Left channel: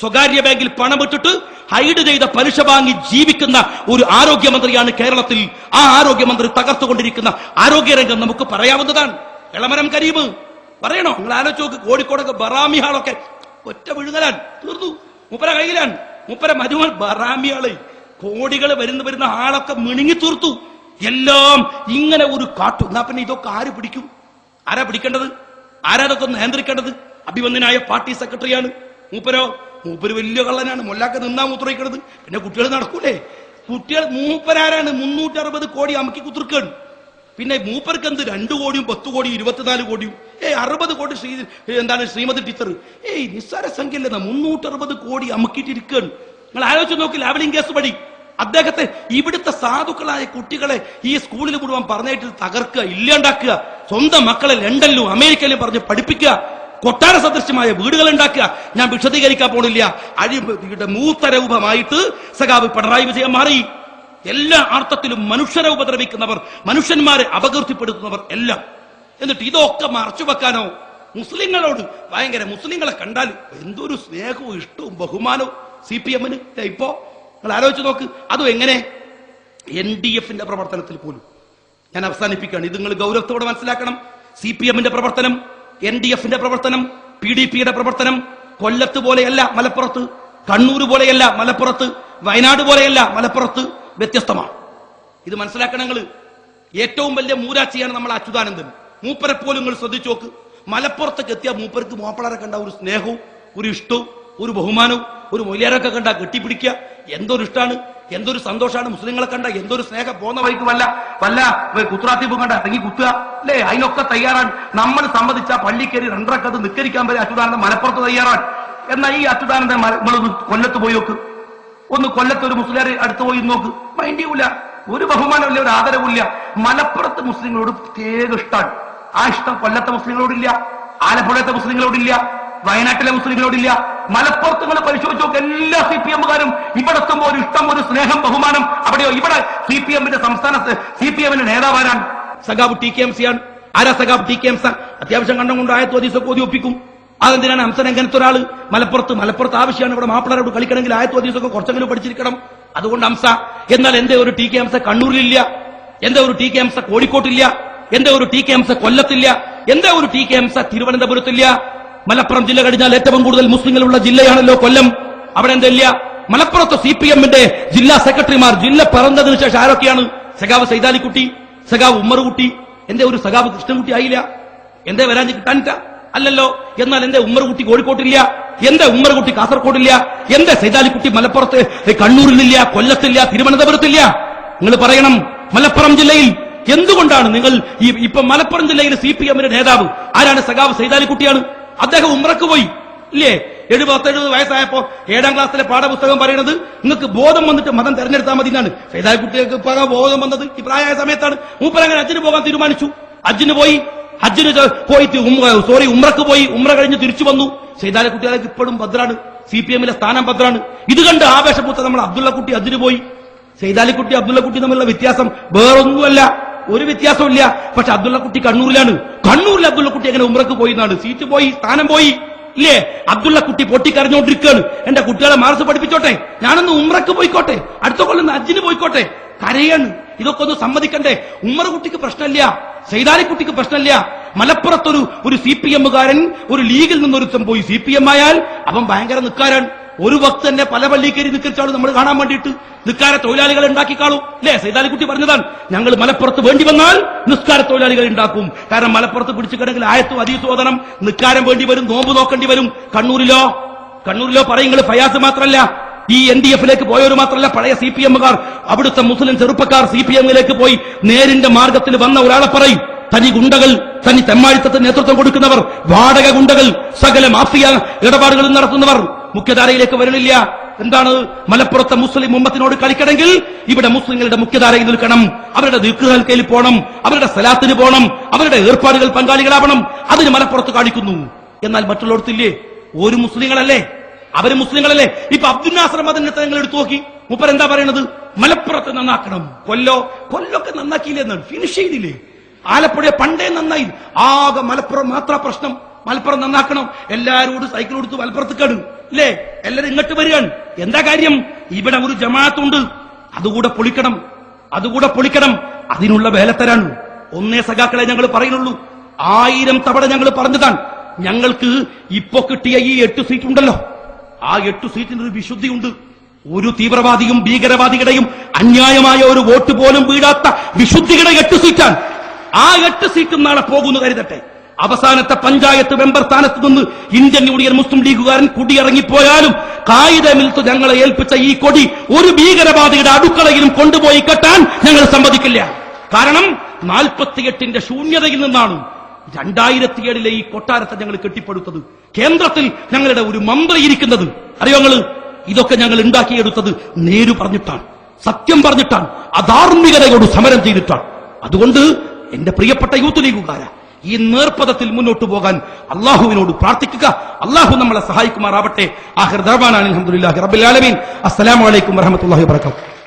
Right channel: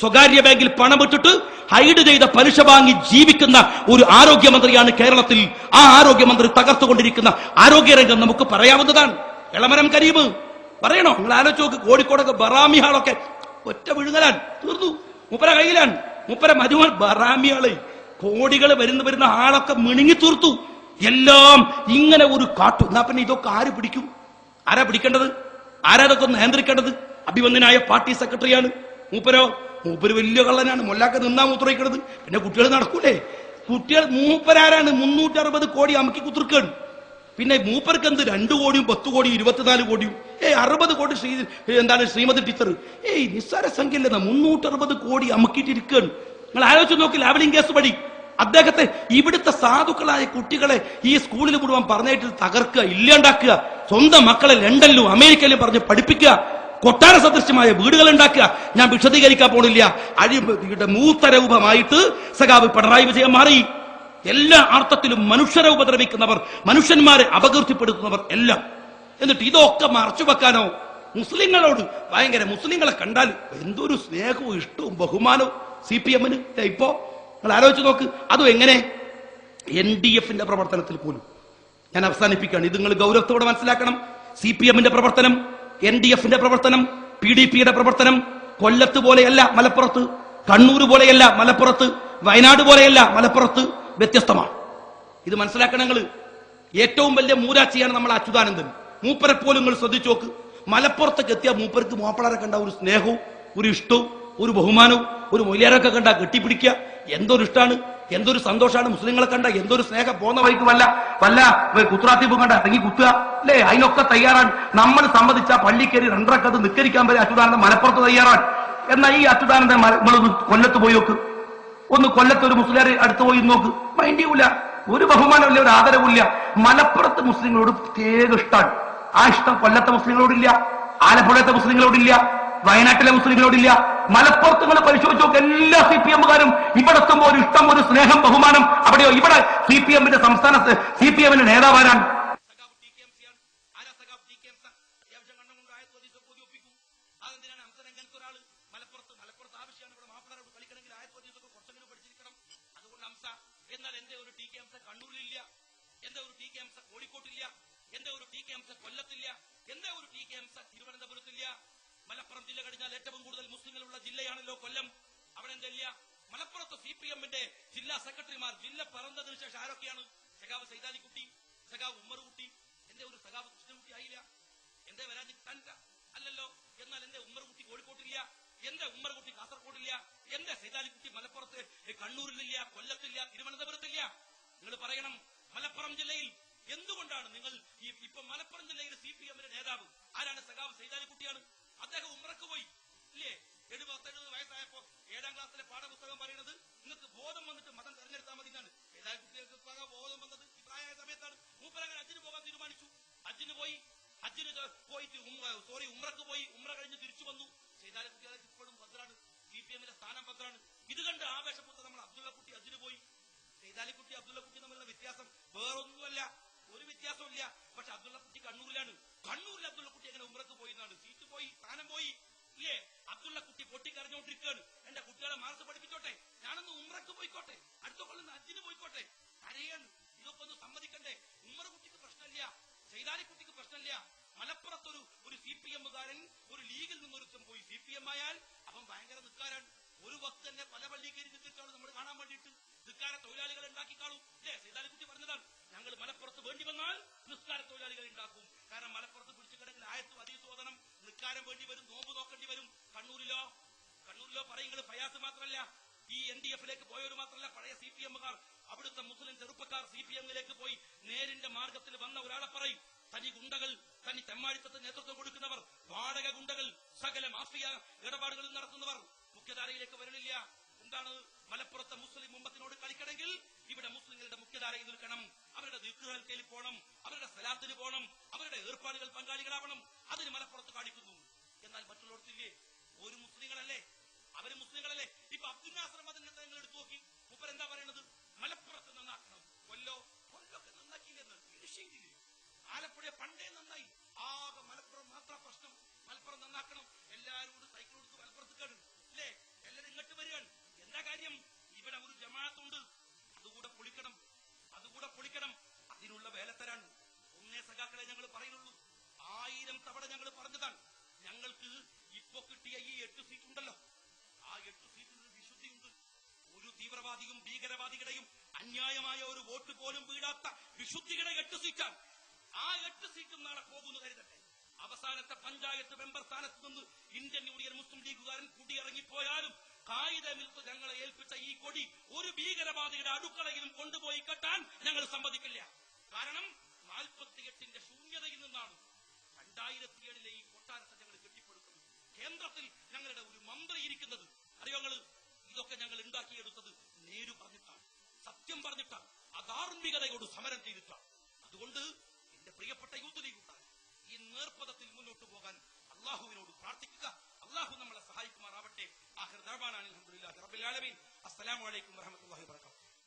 സ്വകാര്യ ബാങ്കിൽ പണമിട്ടിട്ട് ഹൈഡ് ചെയ്ത പലിശ വാങ്ങി ജീവിക്കുന്ന ഒരു ആരോഗ്യമന്ത്രിയാണ് കേരളത്തിൽ. ആ ആരോഗ്യമന്ത്രി തകർത്തുകൊണ്ടിരിക്കുന്ന ആരോഗ്യരംഗം നമുക്ക് പറയാവുന്നതാണ്. എളമരം കരീം പറയണോ? നിങ്ങൾ ആലോചിച്ച് നോക്ക്. കോഴിക്കോടൊക്കെ ബറാമി ഹാളൊക്കെ ഒറ്റ വിഴുങ്ങലാണ്, തീർന്നു. മൂപ്പര കയ്യിലാണ്. മൂപ്പര മരുമൻ ബറാമിയാള് കോടികൾ വരുന്ന ആളൊക്കെ മിണുങ്ങി തീർത്തു. എല്ലാം ഇങ്ങനെ ഒരു കാട്ടു. എന്നാ പിന്നെ ഇതൊക്കെ ആര് പിടിക്കും? ആരാ പിടിക്കേണ്ടത്? ആരാതൊക്കെ നിയന്ത്രിക്കേണ്ടത്? അഭിവന്ദനായ പാർട്ടി സെക്രട്ടറിയാണ് മൂപ്പര് വലിയ കള്ളനാണ്. മൊല്ലാക്ക നിന്നാ മൂത്രയിക്കണത്. പിന്നെ കുട്ടികൾ നടക്കൂലേ? മൂപ്പരാരാണ് 360 കോടി അമക്കി കുത്തിർക്കാണ്. പിന്നെ മൂപ്പർക്ക് എന്ത് 2 കോടിയും 10 കോടിയും 24 കോടിയും 60 കോടി ശ്രീമതി ടീച്ചർ നിസ്സാര സംഖ്യല്ല. 360 കോടി അമക്കിയിട്ടിരിക്കുകയാണ്. നിങ്ങൾ ആലോചിച്ച് നോക്കി. ലാവലിംഗ് കേസ് പടി അദ്ദേഹത്തെ ഇവിടുത്തെ സാധുക്കളായ കുട്ടികളെ ഈ സ്കൂളിൽ മുഴുവൻ പറഞ്ഞിട്ട് തകർക്കുക, ഇല്ലാണ്ടാക്കുക, സ്വന്തം മക്കളെ ലണ്ടനിലും അമേരിക്കയിലും പറഞ്ഞ് പഠിപ്പിക്കുക, കൊട്ടാര സദൃശ്യമായ വീടുകൾ ഉണ്ടാക്കുക. ഞാൻ വിശദീകരിക്കാൻ പോണില്ല. അഴിമതിയുടെ മൂത്തരൂപമായിട്ട് സഖാവ് പിണറായി വിജയൻ മാറി. എല്ലാ അർത്ഥത്തിലും മനുഷ്യരെ ഉപദ്രവിക്കുന്നവർ, മനുഷ്യന്മാരെ അപകീർത്തിപ്പെടുത്തുന്നവർ എല്ലാം. എന്നിട്ട് ഇതൊക്കെ മറച്ചു വെക്കാനോ? മുസ്ലിങ്ങളോട് ഭയങ്കര, മുസ്ലിങ്ങളെ കണ്ടാൽ എന്തൊരു സ്നേഹവും ഇഷ്ടവും ബഹുമാനവും CPM-ന്. ഇപ്പോ നിങ്ങൾ ആലോചിച്ച് നോക്ക്. അതും എങ്ങനെ? NDF-ന്റെ പ്രവർത്തനത്തിൽ പോലും. ഞാൻ അവസാനിപ്പിക്കുകയാണ്. ഇത് നിങ്ങൾ ഗൗരവത്തോടെ മനസ്സിലാക്കണം. CPM-ന്റെ പ്രവർത്തനം, NDF-ന്റെ പ്രവർത്തനം, PDP-യുടെ പ്രവർത്തനം കൊല്ലത്ത് പോലെയല്ല മലപ്പുറത്ത്, കണ്ണൂർ പോലെയല്ല മലപ്പുറത്ത്, വയനാട് പോലെയല്ല മലപ്പുറത്ത്, വ്യത്യസ്തമാണ്. ഇത് മനസ്സിലാക്കണം നിങ്ങൾ. ഏറ്റവും വലിയ മൂരാച്ചിയാണ് നമ്മൾ അച്യുതാനന്ദൻ. മൂപ്പരെ പോലും നിങ്ങൾ ശ്രദ്ധിച്ചു നോക്ക്. മലപ്പുറത്തേക്ക് എത്തിയ മൂപ്പർക്ക് മാപ്പിളരെ കണ്ട ഒരു സ്നേഹവും ഒരു ഇഷ്ടവും ഒരു ബഹുമാനവും, ഒരു മൊയ്ലിയാരൊക്കെ കണ്ട കെട്ടിപ്പിടിക്കുക. എന്തൊരു ഇഷ്ടമാണ്, എന്തൊരു സന്തോഷമാണ്. മുസ്ലിങ്ങളെ കണ്ട എന്തൊരു സ്നേഹം. പോന്ന വഴിക്ക് വല്ല കുത്രാത്തീപ് കണ്ട ഇറങ്ങി കുത്തുക അല്ലേ? അതിനൊക്കെ തയ്യാറാണ്. നമ്മൾ സമ്മതിച്ച പള്ളിക്കേരി 2 നിക്കരിക്കാൻ വരെ അച്യുതാനന്ദൻ മലപ്പുറത്ത് തയ്യാറാണ്. എന്നാൽ ഈ അച്യുതാനന്ദൻ നമ്മളൊന്ന് കൊല്ലത്ത് പോയി നോക്ക്. ഒന്ന് കൊല്ലത്ത് ഒരു മുസ്ലിം അടുത്ത് പോയി നോക്ക്. മൈൻഡ് ചെയ്യൂല. ഒരു ബഹുമാനമില്ല, ഒരു ആദരവില്ല. മലപ്പുറത്ത് മുസ്ലിങ്ങളോട് പ്രത്യേക ഇഷ്ടമാണ്. ആ ഇഷ്ടം കൊല്ലത്തെ മുസ്ലിങ്ങളോടില്ല, ആലപ്പുഴത്തെ മുസ്ലിങ്ങളോടില്ല, വയനാട്ടിലെ മുസ്ലിങ്ങളോടില്ല. മലപ്പുറത്ത് നിങ്ങൾ പരിശോധിച്ച് നോക്ക്. എല്ലാ CPM-കാരും ഇവിടെ എത്തുമ്പോൾ ഒരു ഇഷ്ടം, ഒരു സ്നേഹം, ബഹുമാനം. അവിടെയോ? ഇവിടെ CPM-ന്റെ സംസ്ഥാനത്ത് CPM-ന്റെ നേതാവാരാണ്? സഖാബ് TKMC ആണ്. ആരാ സഖാബ് TKMC? അത്യാവശ്യം കണ്ടം കൊണ്ട് ആയത്തോ ഹദീസൊക്കെ ഓതി ഒപ്പിക്കും. അതെന്തിനാണ് ഹംസൻ എങ്ങനത്തെ ഒരാള് മലപ്പുറത്ത് ആവശ്യമാണ്? ഇവിടെ മാപ്പിളരോട് കളിക്കണമെങ്കിൽ ആയത്തോ ഹദീസൊക്കെ കുറച്ചെങ്കിലും പഠിച്ചിരിക്കണം. അതുകൊണ്ട് ഹംസ. എന്നാൽ എന്റെ ഒരു TKMC കണ്ണൂരിലില്ല, എന്റെ ഒരു TKMC കോഴിക്കോട്ടില്ല, എന്റെ ഒരു TKMC കൊല്ലത്തില്ല, എന്റെ ഒരു TKMC തിരുവനന്തപുരത്തില്ല. മലപ്പുറം ജില്ല കഴിഞ്ഞാൽ ഏറ്റവും കൂടുതൽ മുസ്ലിങ്ങളുള്ള ജില്ലയാണല്ലോ കൊല്ലം. അവിടെ എന്തില്ല? മലപ്പുറത്ത് CPM-ന്റെ ജില്ലാ സെക്രട്ടറിമാർ ജില്ല പിറന്നതിന് ശേഷം ആരൊക്കെയാണ്? സഖാവ് സൈതാലിക്കുട്ടി, സഖാവ് ഉമ്മറുകുട്ടി. എന്റെ ഒരു സഖാവ് കൃഷ്ണൻകുട്ടി ആയില്ല? എന്തേ വരാൻ കിട്ടാനിട്ട? അല്ലല്ലോ. എന്നാൽ എന്റെ ഉമ്മറുകുട്ടി കോഴിക്കോട്ടില്ല, എന്റെ ഉമ്മറുകുട്ടി കാസർഗോഡില്ല, എന്റെ സൈതാലിക്കുട്ടി മലപ്പുറത്ത് കണ്ണൂരിലില്ല, കൊല്ലത്തില്ല, തിരുവനന്തപുരത്തില്ല. നിങ്ങൾ പറയണം മലപ്പുറം ജില്ലയിൽ എന്തുകൊണ്ടാണ് നിങ്ങൾ ഇപ്പൊ മലപ്പുറം ജില്ലയിലെ CPM-ന്റെ നേതാവ് ആരാണ്? സഖാവ് സൈതാലിക്കുട്ടിയാണ്. അദ്ദേഹം ഉംറക്ക് പോയി ഇല്ലേ? 70 വയസ്സായപ്പോ 7ാം ക്ലാസ്സിലെ പാഠപുസ്തകം പറയുന്നത് നിങ്ങൾക്ക് ബോധം വന്നിട്ട് മതം തെരഞ്ഞെടുത്താൽ മതി എന്നാണ്. സൈതാലിക്കുട്ടിക്ക് ബോധം വന്നത് ഈ പ്രായമായ സമയത്താണ്. മൂപ്പരങ്ങനെ ഹജ്ജിന് പോകാൻ തീരുമാനിച്ചു. ഹജ്ജിന് പോയി ഉംറക്ക് പോയി. ഉംറ കഴിഞ്ഞ് തിരിച്ചു വന്നു. സൈതാലിക്കുട്ടികളേക്ക് ഇപ്പോഴും ഭദ്രാണ്. CPM-ലെ സ്ഥാനം ഭദ്രാണ്. ഇത് കണ്ട് ആവേശപൂത്ത നമ്മൾ അബ്ദുള്ളക്കുട്ടി ഹജ്ജിന് പോയി. സൈതാലിക്കുട്ടി അബ്ദുള്ളക്കുട്ടി തമ്മിലുള്ള വ്യത്യാസം വേറൊന്നുമല്ല, ഒരു വ്യത്യാസമില്ല. പക്ഷെ അബ്ദുള്ളക്കുട്ടി കണ്ണൂരിലാണ്. കണ്ണൂരിൽ അബ്ദുള്ളക്കുട്ടി എങ്ങനെ ഉംറക്ക് പോയി എന്നാണ്? സീറ്റ് പോയി, സ്ഥാനം പോയി ഇല്ലേ? അബ്ദുള്ളക്കുട്ടി പൊട്ടിക്കരഞ്ഞോണ്ടിരിക്കുകയാണ്. എന്റെ കുട്ടികളെ മാർസ് പഠിപ്പിച്ചോട്ടെ, ഞാനൊന്ന് ഉംറക്ക് പോയിക്കോട്ടെ, അടുത്ത കൊല്ലം ഹജ്ജിന് പോയിക്കോട്ടെ. കരയാണ്. ഇതൊക്കെ ഒന്ന് സമ്മതിക്കണ്ടേ? ഉമ്മറുകുട്ടിക്ക് പ്രശ്നമില്ല, സൈതാലിക്കുട്ടിക്ക് പ്രശ്നമില്ല. മലപ്പുറത്തൊരു CPM-കാരൻ ഒരു ലീഗിൽ നിന്നൊരുത്തം പോയി CPM ആയാൽ അവൻ ഭയങ്കര നിക്കാരാണ്. ഒരു വക്ത് തന്നെ പല പള്ളിക്കേരി നിക്കരിച്ചാളും നമ്മൾ കാണാൻ വേണ്ടിയിട്ട് നിസ്കാര തൊഴിലാളികളെ ഉണ്ടാക്കിക്കാളൂ അല്ലേ? സൈതാലിക്കുട്ടി പറഞ്ഞതാണ്, ഞങ്ങൾ മലപ്പുറത്ത് വേണ്ടി വന്നാൽ നിസ്കാര തൊഴിലാളികൾ ഉണ്ടാക്കും. കാരണം മലപ്പുറത്ത് പിടിച്ചു കിടങ്കിൽ ആയത്തും ഹദീസും ഓതണം, നിസ്കാരം വേണ്ടി വരും, നോമ്പ് നോക്കേണ്ടി വരും. കണ്ണൂരിലോ പറയുങ്ങൾ ഫയാസ് മാത്രമല്ല, ഈ NDF-ലേക്ക് പോയവർ മാത്രമല്ല, പഴയ CPM-കാർ, അവിടുത്തെ മുസ്ലിം ചെറുപ്പക്കാർ CPM-ലേക്ക് പോയി നേരിന്റെ മാർഗത്തിൽ വന്ന ഒരാളെ പറയും. തനി ഗുണ്ടകൾ, തനി തെമ്മാഴിത്തത്തിന് നേതൃത്വം കൊടുക്കുന്നവർ, വാടക ഗുണ്ടകൾ, സകല മാഫിയ ഇടപാടുകളും നടത്തുന്നവർ മുഖ്യധാരയിലേക്ക് വരണില്ല. എന്താണ്? മലപ്പുറത്തെ മുസ്ലിം ഉമ്മത്തിനോട് കളിക്കണമെങ്കിൽ ഇവിടെ മുസ്ലിങ്ങളുടെ മുഖ്യധാരയിൽ നിൽക്കണം. അവരുടെ ദിക്റുകൾക്കയിൽ പോകണം, അവരുടെ സലാത്തിന് പോകണം, അവരുടെ ഏർപ്പാടുകൾ പങ്കാളികളാവണം. അതിന് മലപ്പുറത്ത് കാണിക്കുന്നു. എന്നാൽ മറ്റുള്ളവർത്തില്ലേ? ഒരു മുസ്ലിങ്ങളല്ലേ? അവര് മുസ്ലിങ്ങളല്ലേ? ഇപ്പൊ അബ്ദുൽ നാസർ മദനിനെ നിങ്ങൾ എടുത്തു നോക്കി. മൂപ്പർ എന്താ പറയുന്നത്? മലപ്പുറത്ത് നന്നാക്കണം. കൊല്ലൊക്കെ നന്നാക്കിയില്ലെന്നാണ്, ഫിനിഷ് ചെയ്തില്ലേ? ആലപ്പുഴ പണ്ടേ നന്നായി. ആകെ മലപ്പുറം മാത്ര പ്രശ്നം. മലപ്പുറം നന്നാക്കണം. എല്ലാരോടും സൈക്കിൾ കൊടുത്ത് മലപ്പുറത്ത് കേടും അല്ലേ? എല്ലാരും ഇങ്ങോട്ട് വരികയാണ്. എന്താ കാര്യം? ഇവിടെ ഒരു ജമാഅത്തുണ്ട്, അതുകൂടെ പൊളിക്കണം. അതിനുള്ള വേലത്തരാണ്. ഒന്നേ സഖാക്കളെ ഞങ്ങൾ പറയുന്നുള്ളൂ. 1000 തവണ ഞങ്ങൾ പറഞ്ഞതാണ്. ഞങ്ങൾക്ക് ഇപ്പോ കിട്ടിയ ഈ 8 സീറ്റ് ഉണ്ടല്ലോ, ആ 8 സീറ്റിന് ഒരു വിശുദ്ധിയുണ്ട്. ഒരു തീവ്രവാദിയും ഭീകരവാദികളുടെയും അന്യായമായ ഒരു വോട്ട് പോലും വീഴാത്ത വിശുദ്ധിയുടെ 8 സീറ്റാണ്. ആ 8 സീറ്റും നാളെ പോകുന്നു കരുതട്ടെ. അവസാനത്തെ പഞ്ചായത്ത് മെമ്പർ സ്ഥാനത്ത് നിന്ന് ഇന്ത്യൻ യൂണിയൻ മുസ്ലിം ലീഗുകാരൻ കുടിയിറങ്ങിപ്പോയാലും കായികമിൽത്ത് ഞങ്ങളെ ഏൽപ്പിച്ച ഈ കൊടി ഒരു ഭീകരവാദിയുടെ അടുക്കളയിലും കൊണ്ടുപോയി കെട്ടാൻ ഞങ്ങൾ സമ്മതിക്കില്ല. കാരണം 48ന്റെ ശൂന്യതയിൽ നിന്നാണ് 2007 ഈ കൊട്ടാരത്തെ ഞങ്ങൾ കെട്ടിപ്പടുത്തത്. കേന്ദ്രത്തിൽ ഞങ്ങളുടെ ഒരു മന്ത്രി ഇരിക്കുന്നത് അറിയോ നിങ്ങള്? ഇതൊക്കെ ഞങ്ങൾ ഉണ്ടാക്കിയെടുത്തത് നേരു പറഞ്ഞിട്ടാണ്, സത്യം പറഞ്ഞിട്ടാണ്, അധാർമികതയോട് സമരം ചെയ്തിട്ടാണ്. അതുകൊണ്ട് എന്റെ പ്രിയപ്പെട്ട യൂത്ത് ലീഗുകാര, ഈ നേർപ്പദത്തിൽ മുന്നോട്ട് പോകാൻ അള്ളാഹുവിനോട് പ്രാർത്ഥിക്കുക. അള്ളാഹു നമ്മളെ സഹായിക്കുമാറാവട്ടെ. ആഖിർ ദഅ്വാനാ അൽഹംദുലില്ലാഹി റബ്ബിൽ ആലമീൻ. അസ്സലാമു അലൈക്കും വറഹ്മത്തുള്ളാഹി വബറകാതുഹു.